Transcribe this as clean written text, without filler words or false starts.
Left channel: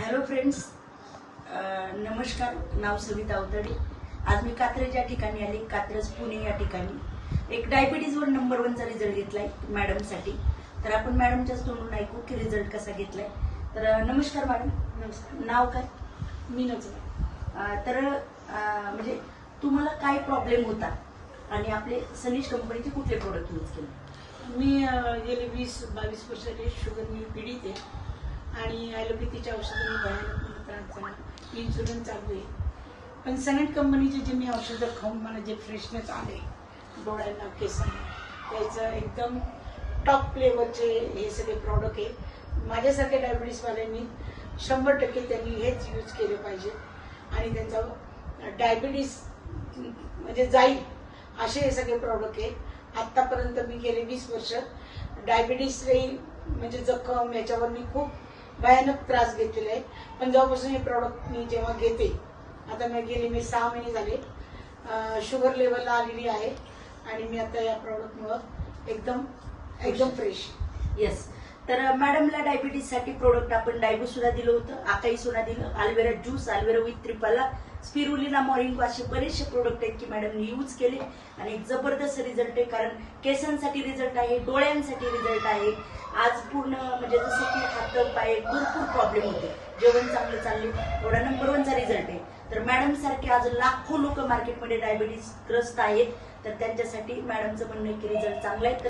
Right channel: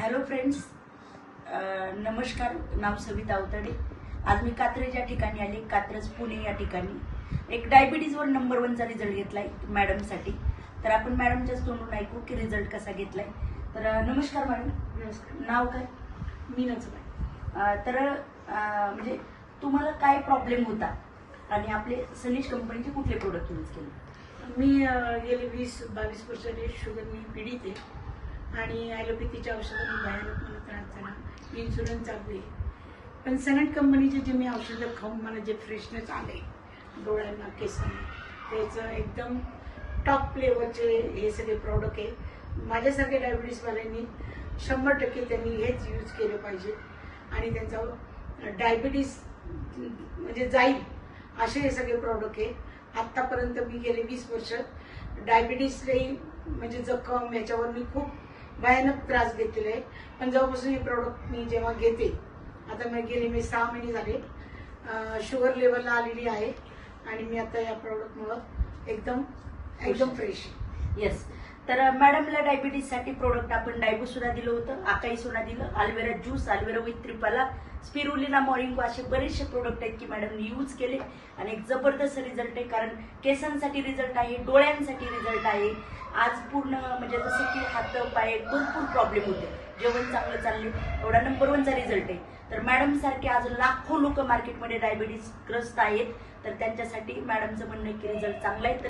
Hello friends, नमस्कार. नाव सविता अवताडे. आज मी कात्रज या ठिकाणी आले, कात्रज पुणे या ठिकाणी एक डायबिटीजवर नंबर 1चा रिझल्ट घेतलाय मॅडमसाठी. तर आपण मॅडमच्याच तोंडून ऐकू की रिझल्ट कसा घेतलाय. तर नमस्कार मॅडम. नमस्कार. नाव काय? मीनाचं. तर म्हणजे तुम्हाला काय प्रॉब्लेम होता आणि आपले सनीज कंपनीचे कुठले प्रोडक्ट यूज केले? मी गेले 20-22 वर्षाचे शुगरनी पीडित आहे आणि ॲलोपॅथीच्या औषधांनी भयानक मला त्रास झाला. इन्शुरन्स चालू आहे, पण सनट कंपनीचे जे मी औषधं खाऊन मला जे फ्रेशनेस आले डोळ्यांना, केसांना, त्याचं एकदम टॉप लेवलचे हे सगळे प्रॉडक्ट आहे. माझ्यासारख्या डायबिटीसवाल्यांनी 100% त्यांनी हेच यूज केले पाहिजे आणि त्यांचा डायबिटीस म्हणजे जाईल असे हे सगळे प्रॉडक्ट आहे. आत्तापर्यंत मी गेले 20 वर्ष डायबिटीस म्हणजे जखम याच्यावर मी खूप भयानक त्रास घेतलेला आहे. पण जेव्हापासून हे प्रॉडक्ट मी जेव्हा घेते, आता मी 6 महिने झाले शुगर लेवलला आलेली आहे आणि मी आता या प्रॉडक्टमुळं एकदम फ्रेश. येस. तर मॅडमला डायबिटीससाठी प्रोडक्ट आपण डायबोसुरा दिलं होतं, आकाई सोना दिलं, Alvera juice, Alvera with triphala, spirulina, मॉरिंगो असे बरेचसे प्रोडक्ट आहेत की मॅडमने यूज केले आणि एक जबरदस्त रिझल्ट आहे. कारण केसांसाठी रिझल्ट आहे, डोळ्यांसाठी रिझल्ट आहे. आज पूर्ण म्हणजे जसं की हात पाय भरपूर प्रॉब्लेम होते, जेवण चांगलं चालले, एवढा नंबर 1चा रिझल्ट आहे. तर मॅडम सारखे आज लाखो लोक मार्केटमध्ये डायबिटीस ग्रस्त आहेत. तर त्यांच्यासाठी मॅडमचं म्हणणं आहे की रिझल्ट चांगला आहे.